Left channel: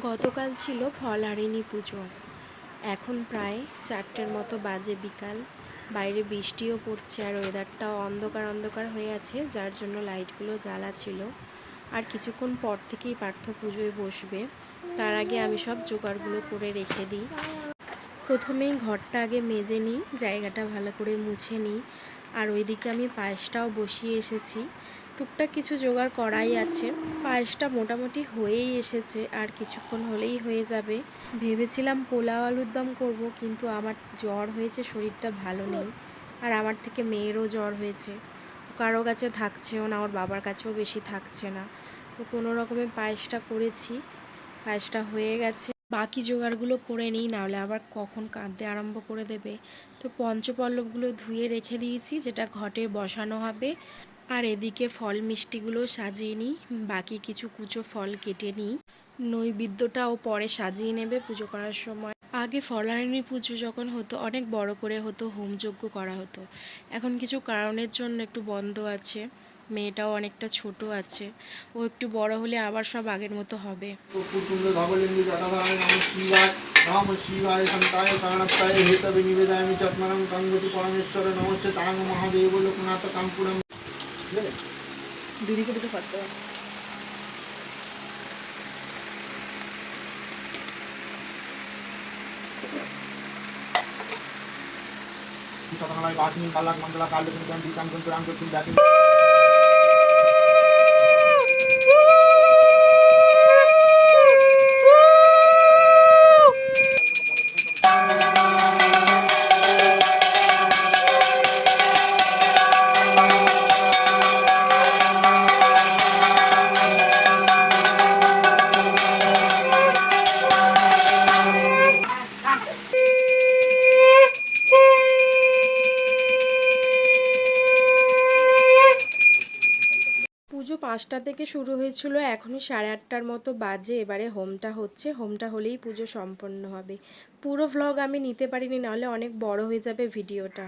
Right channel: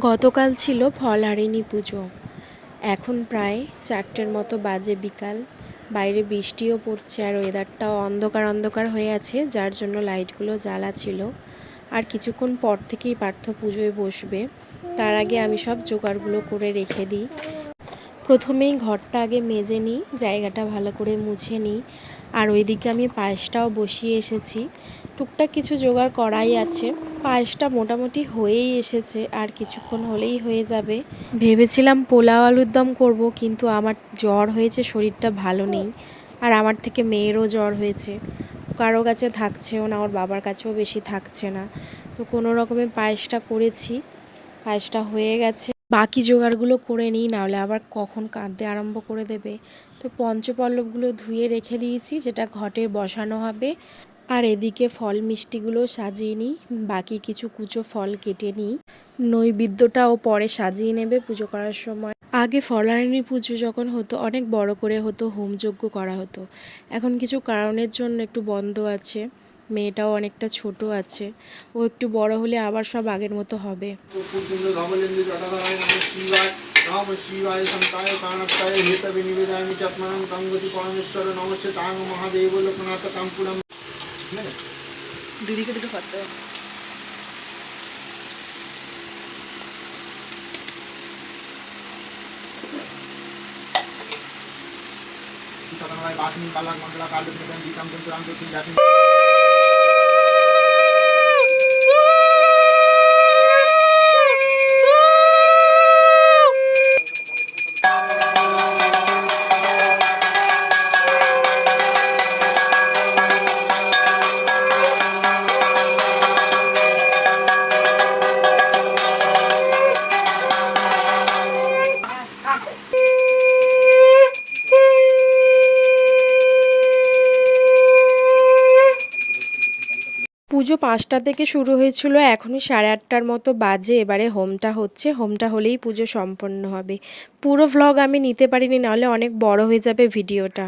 গতকাল ছিল ফলহারিণী পুজো। এখন প্রায় চারটের মতো বাজে বিকাল। বাইরে বৃষ্টিও পড়ছে আর ওয়েদারটাও অন্ধকার অন্ধকার হয়ে আছে, যার জন্য লাইটগুলো জ্বালা ছিল। আর কিছুক্ষণ পর থেকেই পার্থ পুজোয় বসবে। তার আগে আমি সব জোগাড়গুলো করে রেখে দিই। প্রথমেই ঘরটা আগে মেজে নিই, জায়গাটা ভালো করে মুছে নিই। আর ওইদিকে আমি পায়েসটাও বসিয়ে এসেছি। টুকটাক কিছু জোগাড় করাই আছে। পায়েসটা মোটামুটি হয়েই এসেছে, আর কিছুক্ষণ হলেই হয়ে যাবে। ভেবেছিলাম পোলাও আলুর দম করব, কিন্তু আমার জ্বর হয়েছে, শরীরটা ভালো নেই। আর আমার থেকে মেয়েরও জ্বর হয়েছে। কারও কাছে থাকছেও না, ওর বাবার কাছেও বেশি থাকছে না। তো কোনো রকমে পায়েসটা করেছি, পায়েসটা হয়ে গেছে। বাকি জোগাড়গুলো করে নিই, নাহলে আবার কখন কাঁদতে আরম্ভ করে দেবে। তো পঞ্চপল্লবগুলো ধুয়ে রেখে দিয়েছি, যেটা ঘটে বসানো হবে। আর এদিকে ফল মিষ্টিগুলো সাজিয়ে নিই। বাকি কিছু কুচো ফল কেটে নিই। নৈবেদ্যটাও পরে সাজিয়ে নেবে পুজো করার সময়। আগে ফলারিণী পুজো যখন হতো, অনেক বড় করে হতো, হোমযজ্ঞ করা হতো। এখন কিছু কারণের জন্য একটু বন্ধ আছে। মেয়েটাও অনেকটা ছোট আছে। ও একটু বড় হলে আবার সব আগের মতো হবে। ঠিক আছে দিদিকে দুটো পাত্র চতনামায় বাসনি পালাক মন্ডলা কাল নিকাম দিকাম তন্ত্রাম দক্ষিণ জাতি পুজো পাঁচটা থেকে শুরু হয়েছিল, এখনই সাড়ে আটটার মতো বাজে। এবারে হোমটা হচ্ছে, হোমটা হলেই পুজো সম্পন্ন হবে। পুরো ভ্লগ আমি নিতে পারিনি, নাহলে অনেক বড় হয়ে যাবে ভিডিওটা।